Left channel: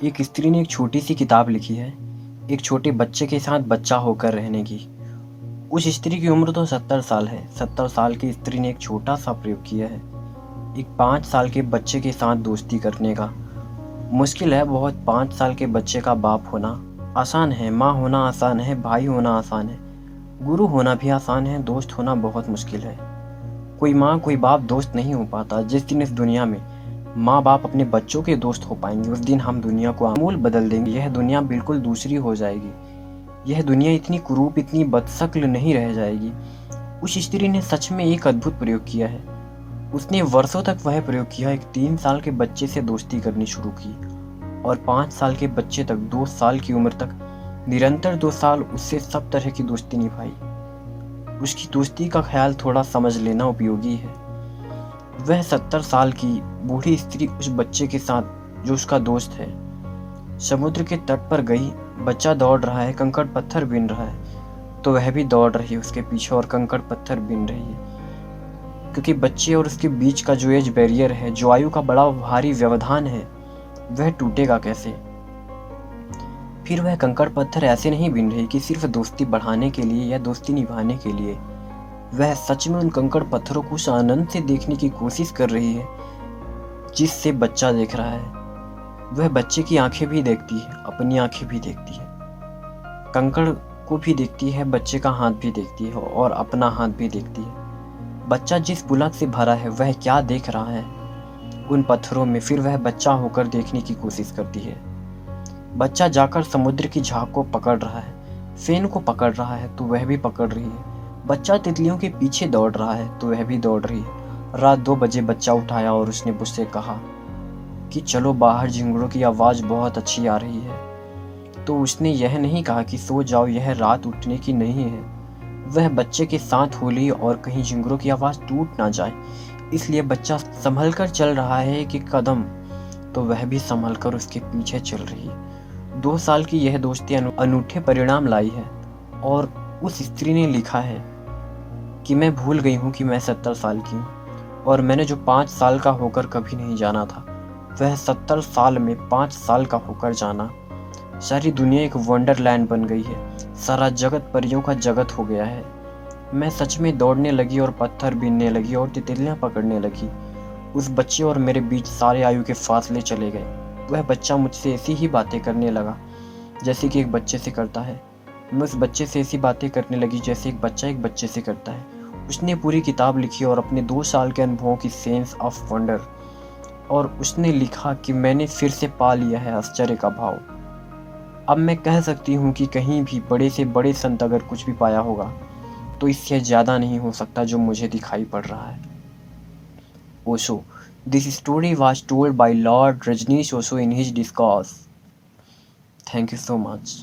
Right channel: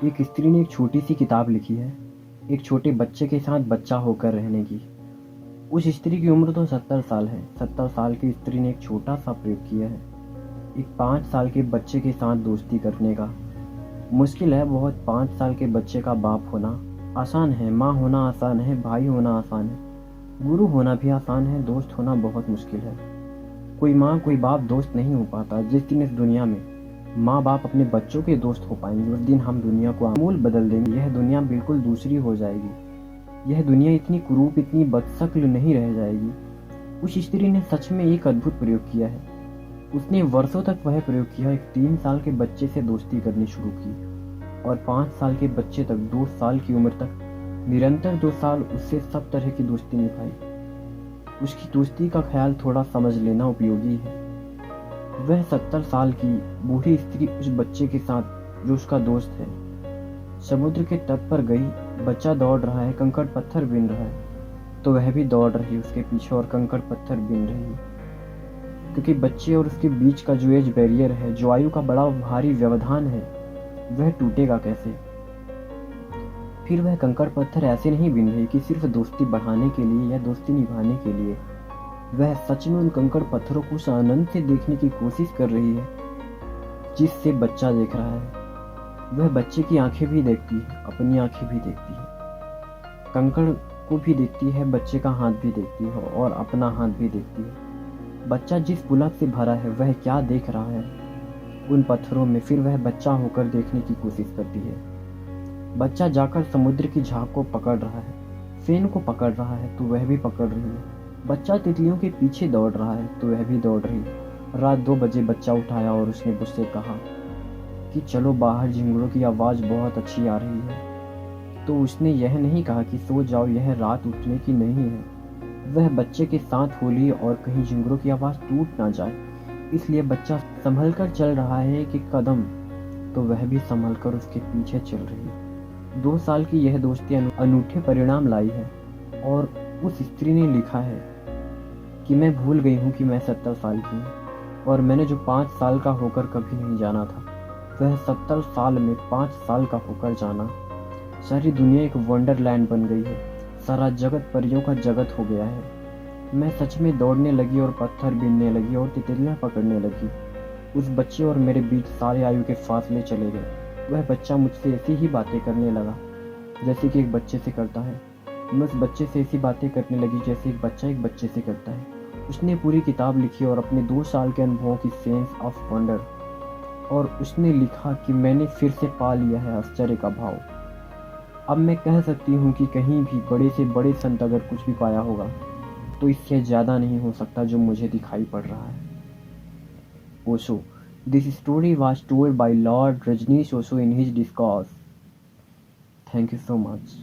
एक स्त्री ने एक छोटी सी किताब लिखी है, एक छोटे बच्चे के साथ बच्चा होकर रहने की। उस स्त्री की उम्र तो 70 साल है। 70 साल की स्त्री ने एक छोटा सा प्रयोग किया है, एक 5 साल के बच्चे के साथ दोस्ती करने का। मुश्किल है बहुत 5 साल के बच्चे का बाप होना। आसान है, माँ होना आसान है, भाई होना आसान है, गुरु होना भी आसान है, दोस्त होना बहुत मुश्किल है। कोई माँ कोई बाप दोस्त नहीं हो पाता। जिस दिन इस दुनिया में माँ बाप अपने बच्चों के दोस्त हो पाएंगे, उस दिन हम दुनिया को आमूल बदल देंगे। यह दुनिया बिल्कुल दूसरी हो जाएगी। यह दुनिया इतनी कुरूप, इतनी बदशक्ल नहीं रह जाएगी। उस स्त्री ने सच में एक अद्भुत प्रयोग किया है। उसने वर्षों तक वह प्रयोग किया। एक 3 साल के बच्चे से दोस्ती करनी शुरू की और 5 साल के बच्चे तक, 2 साल की उम्र तक निरंतर 2 साल उससे सब तरह की दोस्ती निभाई। उसकी दोस्ती का ख्याल थोड़ा समझ लेना उपयोगी है। वह 70 साल की बूढ़ी स्त्री उस बच्चे के साथ, जो उसका दोस्त है, समुद्र के तट पर गई। बच्चा दौड़ रहा है, कंकड़ पत्थर बीन रहा है, तो वह भी दौड़ रही है उसके पीछे और कंकड़ पत्थर बीन रही है। क्योंकि बच्चे और उसके बीच का जो एज बैरियर है, जो आयु का बड़ा भारी व्यवधान है, वह टूटेगा कैसे। फिर वह कंकड़ पत्थर ऐसे नहीं बीन रही कि सिर्फ दोस्ती बढ़ाने के लिए या दोस्ती निभाने के लिए। वह सच में उन कंकड़ पत्थरों को उस आनंद से देखने की कोशिश कर रही है जिससे बच्चा देख रहा है। वह बच्चे की आंखें भी देखती है, अपनी आंखें भी देखती है, कंकड़ को भी देखती है, बच्चे का हाथ भी देखती है और अपना हाथ भी देखती है। बच्चा जिस पुलक से भरा है, वह क्या देख रहा है उन पत्थरों में, फिर वह बच्चा होकर देखने की कोशिश करती है। बच्चा जाकर समुद्र की झाग को पकड़ रहा है, फेन को पकड़ रहा है तो वह भी पकड़ रही है। बच्चा तितलियों के पीछे दौड़ रहा है तो वह भी दौड़ रही है। रात 2 बजे बच्चा उठाया और उसने मुझसे कहा कि चलो बाहर, झिंगुरों की आवाज़ बहुत अच्छी आ रही है। तो उसने यह नहीं कहा कि सो जाओ, यह रात उठने की नहीं है। वह बच्चे के साथ हो ली और कहीं झिंगुरों की आवाज़ टूट ना जाए, इसलिए बच्चा संभल कर चल रहा है एक एक कदम, तो वह भी संभल कर उसके पीछे चल रही है। 2 साल की यह दोस्ती अनूठे परिणाम लाई है। और उस स्त्री ने लिखा है कि मैं भूल गई हूँ कि मैं 70 साल की हूँ और मैंने जो 5 साल का होकर कभी नहीं जाना था, वह 70 साल में 5 साल का होकर जाना। सारी दुनिया एक वंडरलैंड बन गई है। सारा जगत परियों का जगत हो गया है। मैं सच में दौड़ने लगी और पत्थर बीनने लगी और तितलियां पकड़ने लगी। उस बच्चे और मेरे बीच सारे आयु के फासले चले गए। वह बच्चा मुझसे ऐसी ही बातें करने लगा जैसे कि एक बच्चे से करता है। मैं उस बच्चे से ऐसी बातें करने लगी जैसे एक बच्चा एक बच्चे से करता है। उसने पूरी किताब लिखी और अपने 2 साल के अनुभवों की सेंस ऑफ वंडर, और उसने लिखा कि मैंने फिर से पा लिया है आश्चर्य का भाव। अब मैं कह सकती हूँ कि कहीं भी बड़े से बड़े संत अगर कुछ भी पाया होगा, तो इससे ज़्यादा नहीं हो सकता जो मुझे दिखाई पड़ रहा है। Osho. This story was told by Lord Rajneesh Osho in his discourse. Thank you so much.